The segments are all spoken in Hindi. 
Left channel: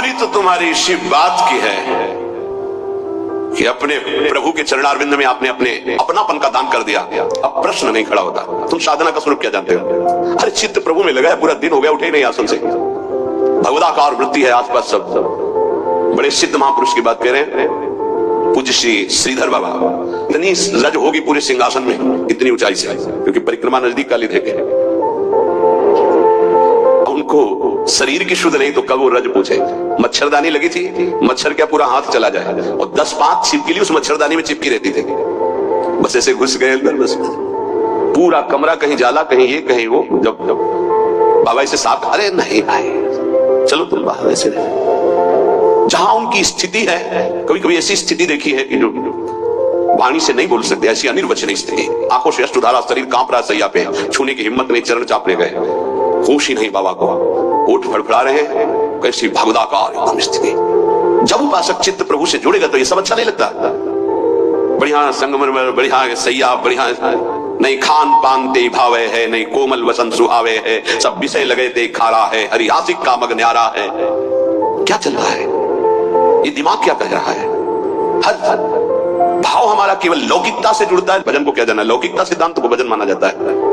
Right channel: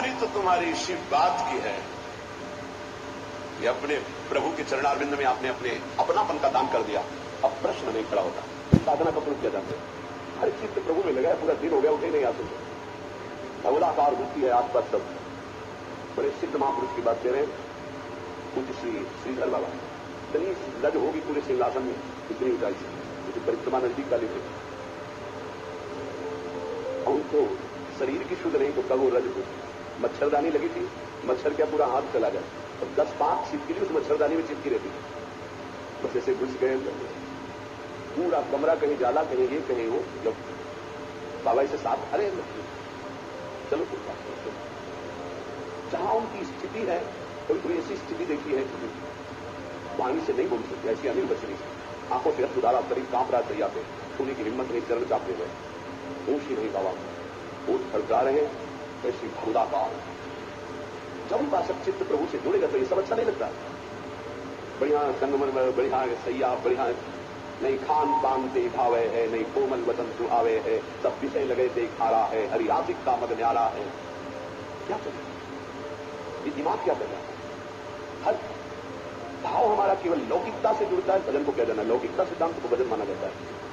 बहादुरी तो तुम्हारी इसी बात की है कि अपने प्रभु के चरणारविंद में आपने अपने अपनापन का दान कर दिया। अब प्रश्न नहीं खड़ा होता, तुम साधना का स्वरूप क्या जानते हो? अरे चित्त प्रभु में लगा है, पूरा दिन हो गया, उठे ही नहीं आसन से। भगवदाकार वृत्ति है आसपास सब। बड़े सिद्ध महापुरुष की बात कह रहे हैं, पूज्य श्री श्रीधर बाबा। इतनी रज होगी पूरे सिंहासन में, इतनी ऊंचाई से, क्योंकि परिक्रमा नजदीक काली देखे। उनको शरीर की शुद्ध नहीं तो कब वो रज पूछे। मच्छरदानी लगी थी, मच्छर क्या पूरा हाथ चला जाए, और 10-5 छिपकली उस मच्छरदानी में चिपकी रहती थी। बस ऐसे घुस गए अंदर, बस पूरा कमरा कहीं जाला, कहीं ये कहीं वो। जब बाबा इसे साफ, अरे नहीं आए, चलो तुम बाहर। ऐसे जहां उनकी स्थिति है, कभी कभी ऐसी स्थिति देखी है कि जो वाणी से नहीं बोल सकते, ऐसी अनिर्वचनीय स्थिति। आंखों से अश्रुधारा, शरीर कांप रहा, सैया पे छूने की हिम्मत नहीं, चरण चापने गए, होश ही नहीं बाबा को, होठ फड़फड़ा रहे हैं, कैसी भगवदाकार एकदम स्थिति। जब उपासक चित्त प्रभु से जुड़ेगा तो ये सब अच्छा नहीं लगता। बढ़िया संगमरमर, बढ़िया सैया, बढ़िया नहीं खान पान ते भावे है, नहीं कोमल वसन सुहावे है, सब विषय लगे ते खारा है, हरियासिक का मग न्यारा है। क्या चल रहा है? ये दिमाग क्या कह रहा है? हर भाव हमारा केवल लौकिकता से जुड़ता है। भजन को क्या जाना, लौकिकता सिद्धांत को भजन माना जाता है।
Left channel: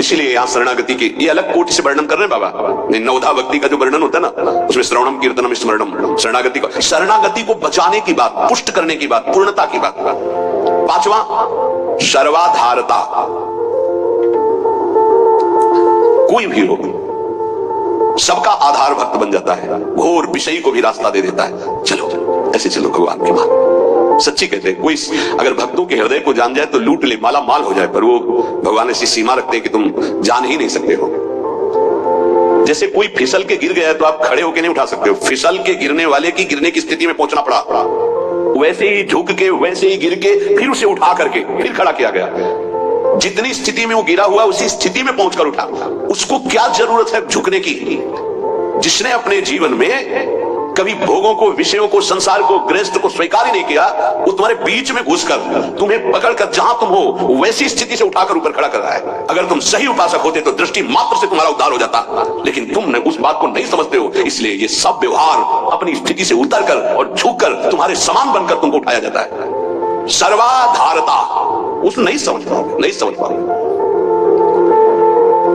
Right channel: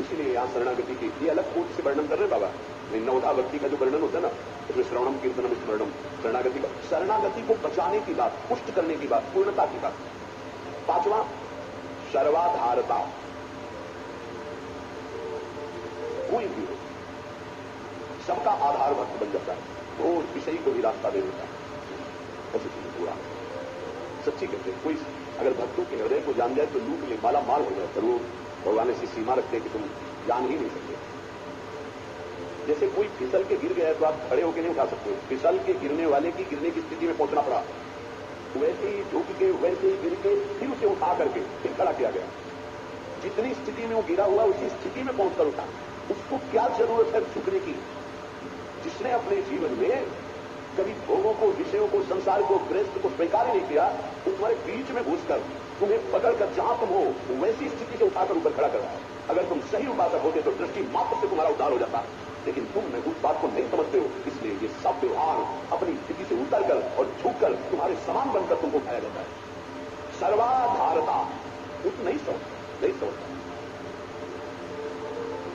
इसीलिए यहाँ शरणागति की ये अलग कोटि से वर्णन कर रहे हैं बाबा। नवधा भक्ति का जो वर्णन होता है ना, उसमें श्रवणम कीर्तनम स्मरणम, शरणागति को बचाने की बात, पुष्ट करने की बात, पूर्णता की बात। 5वां सर्वाधारता। कोई भी हो सबका आधार भक्त बन जाता है, घोर विषयी को भी रास्ता दे देता है। चलो ऐसे चलो भगवान की बात सच्ची कहते हैं। कोई अगर भक्तों के हृदय को जान जाए तो लूट ले, माला माल हो जाए, पर वो भगवान ऐसी सीमा रखते हैं कि तुम जान ही नहीं सकते हो। जैसे कोई फिसल के गिर गया तो आप खड़े होकर नहीं उठा सकते हो, फिसल के गिरने वाले की गिरने की स्थिति में पहुंचना पड़ा। वैसे ही झुक के, वैसे ही गिर के, फिर उसे उठा करके फिर खड़ा किया गया। जितनी स्थिति में वो गिरा हुआ उसी स्थिति में पहुंचकर उठा। उसको क्या जरूरत है झुकने की? जिसने अपने जीवन में कभी भोगों को, विषयों को, संसार को, गृहस्थ को स्वीकार ही नहीं किया, वो तुम्हारे बीच में घुसकर तुम्हें पकड़कर जहां तुम हो वैसी स्थिति से उठाकर ऊपर खड़ा कर रहा है। अगर तुम सही उपासक होते तो दृष्टि मात्र से तुम्हारा उद्धार हो जाता, लेकिन तुम उस बात को नहीं समझते हो। इसलिए ये सब व्यवहार अपनी स्थिति से उतरकर और झुककर तुम्हारे समान बनकर तुमको उठाया जाता है। सर्वाधारता उस नहीं समझ पाओगे, नहीं समझ पाओगे।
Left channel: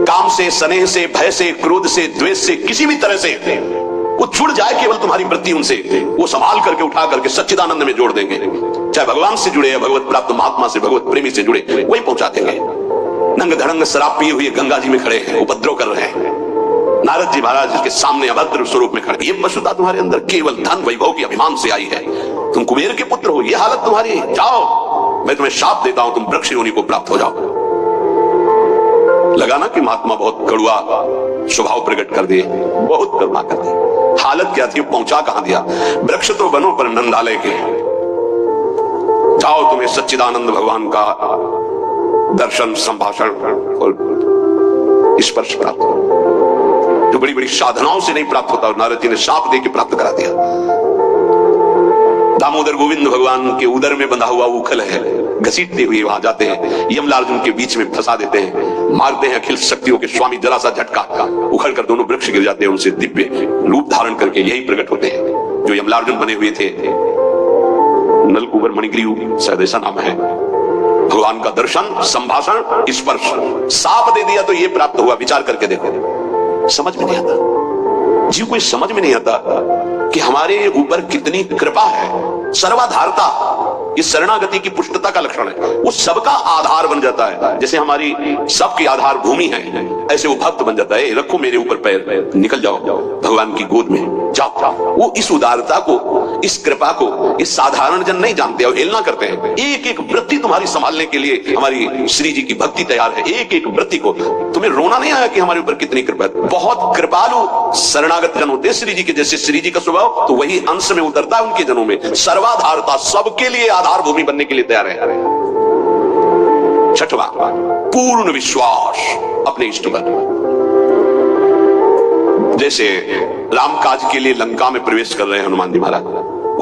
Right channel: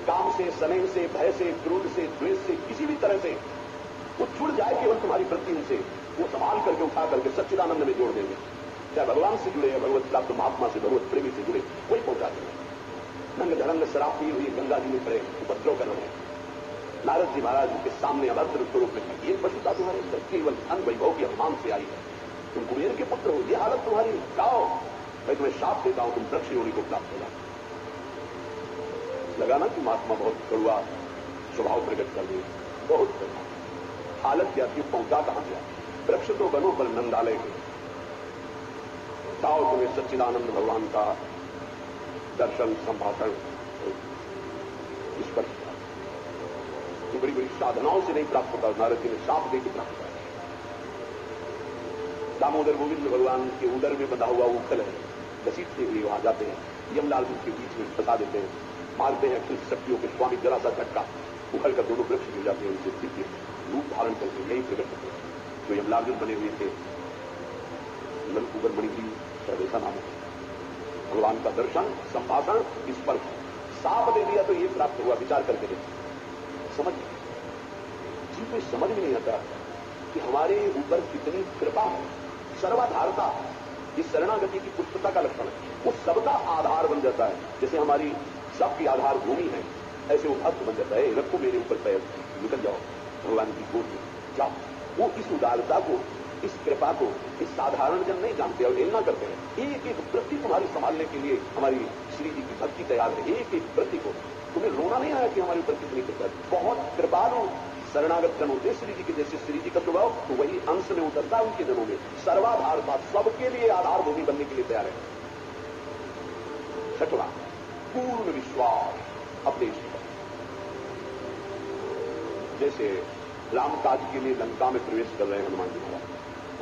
काम से, स्नेह से, भय से, क्रोध से, द्वेष से, किसी भी तरह से वो जुड़ जाए केवल तुम्हारी वृत्ति उनसे, वो संभाल करके उठा करके सच्चिदानंद में जोड़ देंगे। चाहे भगवान से जुड़े या भगवत प्राप्त महात्मा से, भगवत प्रेमी से जुड़े, वही पहुंचा देंगे। नंग धड़ंग शराब पिए हुए गंगा जी में खड़े हैं, उपद्रव कर रहे हैं। नारद जी महाराज के सामने अभद्र स्वरूप में खड़े। ये पशुता तुम्हारे अंदर केवल धन वैभव के अभिमान से आई है। तुम कुबेर के पुत्र हो, ये हालत तुम्हारी। जाओ, मैं तुम्हें शाप देता हूं, तुम वृक्ष योनि को प्राप्त हो जाओ। लगाना कि महात्मा बहुत कड़ुआ स्वभाव प्रकट कर दिए, बहुत करुणा कर दी। हालत क्या थी, पहुंचा कहां दिया? वृक्ष तो बनो पर नंदालय के। जाओ, तुम्हें सच्चिदानंद भगवान का दर्शन, संभाषण और स्पर्श प्राप्त हो, जो बड़ी बड़ी साधनाओं से नहीं प्राप्त होता। नारद जी ने शाप दे के प्राप्त करा दिया। दामोदर गोविंद भगवान के उदर में बंधा हुआ उखल है, घसीटते हुए वहां जाते हैं, यमलार्जुन के बीच में फंसा देते हैं, मारते हैं अखिल शक्तियों के स्वामी, जरा सा झटका उखड़कर दोनों वृक्ष गिर जाते हैं। उनसे दिव्य रूप धारण करके यही प्रकट होते हैं जो यमलार्जुन बने हुए थे। नलकुबर मणिग्रीव शायद ऐसा नाम है। भगवान का दर्शन, संभाषण, स्पर्श। साप दे दिया तो ये प्राप्त हुआ। विचार करके देखो, समझ में नहीं आता जीव को, समझ में नहीं आता कि हमारे ऊपर कितनी कृपा है। सर्वाधारता इस शरणागति की पुष्टता का लक्षण है। वो सबका आधार बन जाता है। जैसे हमारी सबकी आधार भूमि है, ऐसे वो भक्त बन जाता है। रखो मेरे ऊपर पैर, निकल जाओ भगवान की गोद में, जाओ। वो इस उदारता को, इस कृपा को इस साधारण जन नहीं जानते और हेलना करते हैं। एक एक वृत्ति तुम्हारी संभालने के लिए हमारी श्री जी की भक्ति तैयार है। एक एक वृत्ति को तुम्हें रोना नहीं आया कि हमारे ऊपर कितनी कृपा है। बहुत कृपालु शरणागत जन होते श्री जी के। जैसे श्री जी का स्वभाव तो वही अंश में उतरता है उनके जनों में। सर्वाधारता, सबके लिए आधार भूमि बनने के लिए तैयार है। 6वां पूर्ण विश्वास अपने इष्ट पर। जैसे राम काज के लिए लंका में प्रवेश कर रहे हैं हनुमान जी महाराज,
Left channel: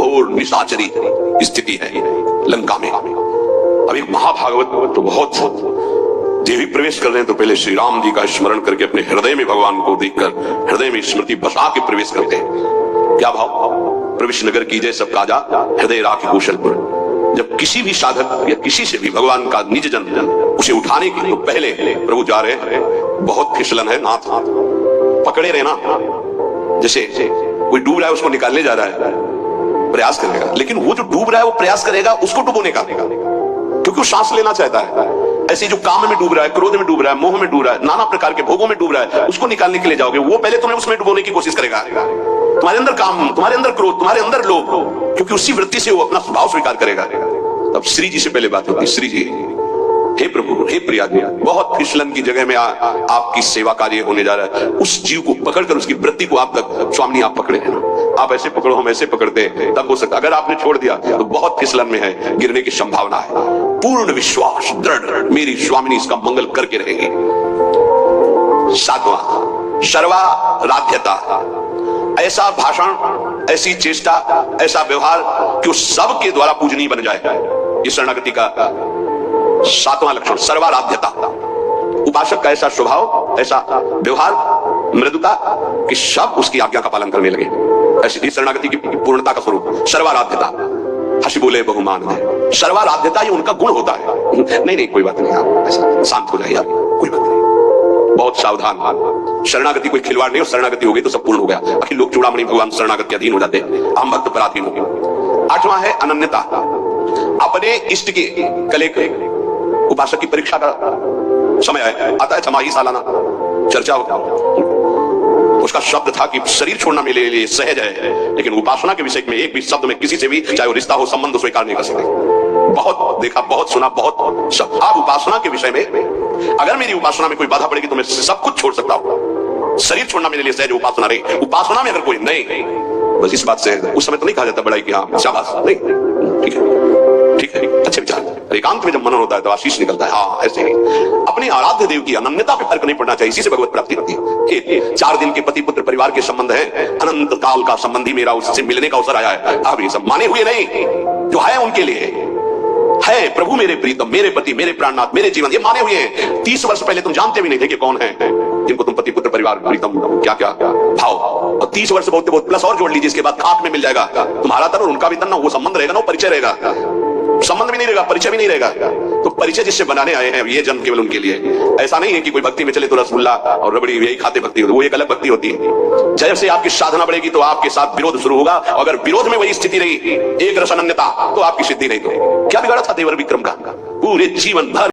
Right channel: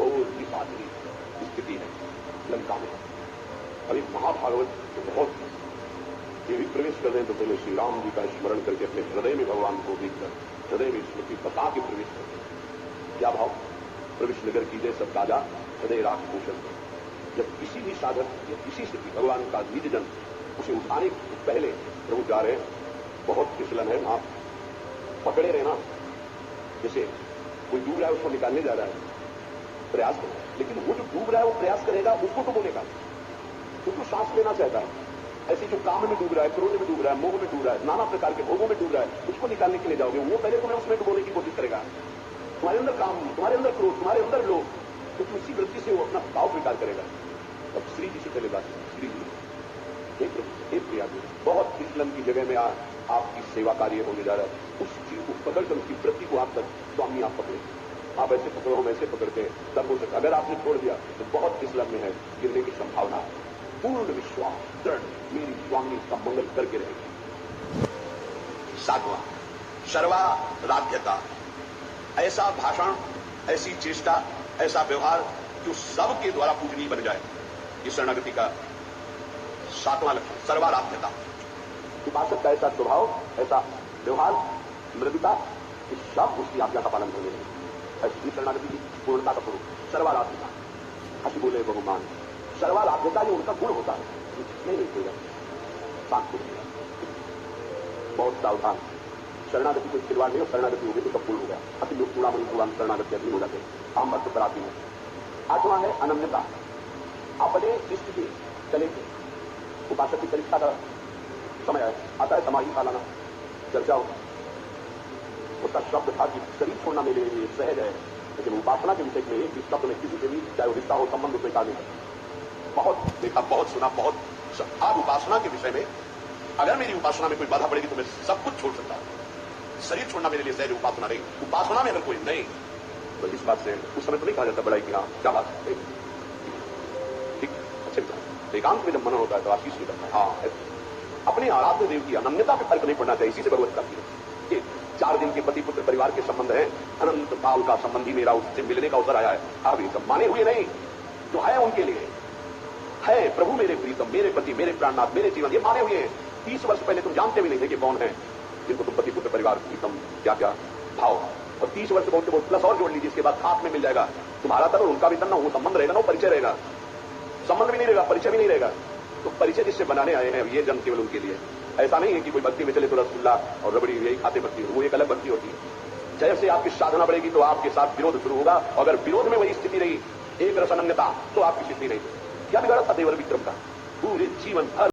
और निशाचरी स्थिति है लंका में। अब एक महाभागवत तो बहुत देवी प्रवेश कर रहे हैं तो पहले श्री राम जी का स्मरण करके अपने हृदय में भगवान को देखकर हृदय में स्मृति बसा के प्रवेश करते हैं। क्या भाव? प्रविश नगर कीजिए सब काजा, हृदय राखी कौशलपुर। जब किसी भी साधक या किसी से भी भगवान का निज जन उसे उठाने के लिए, तो पहले प्रभु जा रहे हैं, बहुत फिसलन है, नाथ पकड़े रहना। जैसे कोई डूब रहा है, उसको निकालने जा रहा है, प्रयास करेगा, लेकिन वो जो डूब रहा है वो प्रयास करेगा उसको डुबोने का, क्योंकि वो सांस लेना चाहता है। ऐसे जो काम में डूब रहा है, क्रोध में डूब रहा है, मोह में डूब रहा है, नाना प्रकार के भोगों में डूब रहा है, उसको निकालने के लिए जाओगे, वो पहले तुम्हें उसमें डुबोने की कोशिश करेगा। तुम्हारे अंदर काम, तुम्हारे अंदर क्रोध, तुम्हारे अंदर लोभ, क्योंकि उसी वृत्ति से वो अपना स्वभाव स्वीकार करेगा। तब श्री जी से पहले बात होती है, श्री जी, हे प्रभु, हे प्रिया, बहुत फिसलन की जगह में आपकी सेवा कार्य होने जा रहा है। उस जीव को पकड़कर उसकी वृत्ति को आप तक, स्वामी आप पकड़े हैं ना, आप ऐसे पकड़ो, हम ऐसे पकड़ते हैं, तब हो सकता। अगर आपने छोड़ दिया तो बहुत फिसलन में है, गिरने की संभावना है। पूर्ण विश्वास, दृढ़, मेरी स्वामिनी इसका मंगल करके रहेगी। 7वां, सर्वाराध्यता। ऐसा भाषण, ऐसी चेष्टा, ऐसा व्यवहार कि उस सब के द्वारा पूजनीय बन जाए। ये शरणागति का 7वां लक्षण, सर्वाराध्यता। उपासक का ऐसा स्वभाव, ऐसा व्यवहार, मृदुता कि सब उसकी आज्ञा का पालन करने लगे। ऐसी शरणागति की पूर्णता का स्वरूप सर्वाराध्यता। हंसी बोले बहुमान है, सर्वाराध्यता ये उनका गुण होता है। नहीं कोई बात नहीं, आप ऐसा शांत हो जाइए, आप कोई बात नहीं, बहुत सावधान। शरणागति कोई खिलवाड़ नहीं, और शरणागति हो गई तो सब पूर्ण हो गया। बाकी लोग चूड़ामणि भगवान शरणागत के अधीन हो जाते हैं, हम भक्त पराधीन हो गए। 8वां है अनन्यता। अपने इष्ट के कले के, उपासक की परीक्षा का समय आता है, छमाही सालाना चर्चा होता। उसका शब्द था कि शरीर छोड़ना मेरे लिए सहज है, लेकिन उपासना के विषय में एक भी शब्द में किसी से भी, चाहे वो रिश्ता हो, संबंध स्वीकार नहीं कर सकते। बहुत देखा, बहुत सुना, बहुत सब। आप उपासना के विषय में, अगर मेरी उपासना में कोई बाधा पड़ेगी तो मैं सब कुछ छोड़ सकता हूँ। शरीर छोड़ना मेरे लिए सहज, उपासना रही। उपासना में अगर कोई नहीं, बस इस बात से उस समय तो नहीं कहा जाता बड़ाई कि हाँ शाबाश, नहीं, ठीक है, ठीक है, अच्छे विचार। एकांत में जब मनन होता है तो आशीष निकलता है। हाँ, ऐसे ही अपने आराध्य देव की अनन्यता पे फर्क नहीं पड़ना चाहिए, इसी से भगवत प्राप्ति होती है। 4 दिन के पति पुत्र परिवार के संबंध है, अनंत काल का संबंधी मेरा उससे मिलने का अवसर आया है। अब ये सब माने हुए नहीं, जो है उनके लिए है। प्रभु मेरे प्रीतम, मेरे पति, मेरे प्राणनाथ, मेरे जीवन, ये माने हुए हैं। 30 वर्ष पहले तुम जानते भी नहीं थे कि कौन है जिनको तुम पति पुत्र परिवार प्रीतम क्या क्या भाव, और 30 वर्ष बहुत बहुत प्लस और जोड़ लीजिए, इसके बाद खाक में मिल जाएगा तुम्हारा तन और उनका भी तन ना, वो संबंध रहेगा ना, वो परिचय रहेगा। संबंध भी नहीं रहेगा, परिचय भी नहीं रहेगा। तो परिचय जिससे बनाने आए हैं, ये जन्म केवल उनके लिए। ऐसा नहीं है कि कोई भक्ति में चले तो रसगुल्ला और रबड़ी यही खाते भक्ति होती है, वो एक अलग भक्ति होती है। जैसे आपकी साधना बढ़ेगी तो आपके साथ विरोध शुरू होगा, अगर विरोध में वही स्थिति रही, एक रस अनन्यता, तो आपकी सिद्धि नहीं। तो क्या बिगाड़ा था देवर विक्रम का? पूरे जीवन भर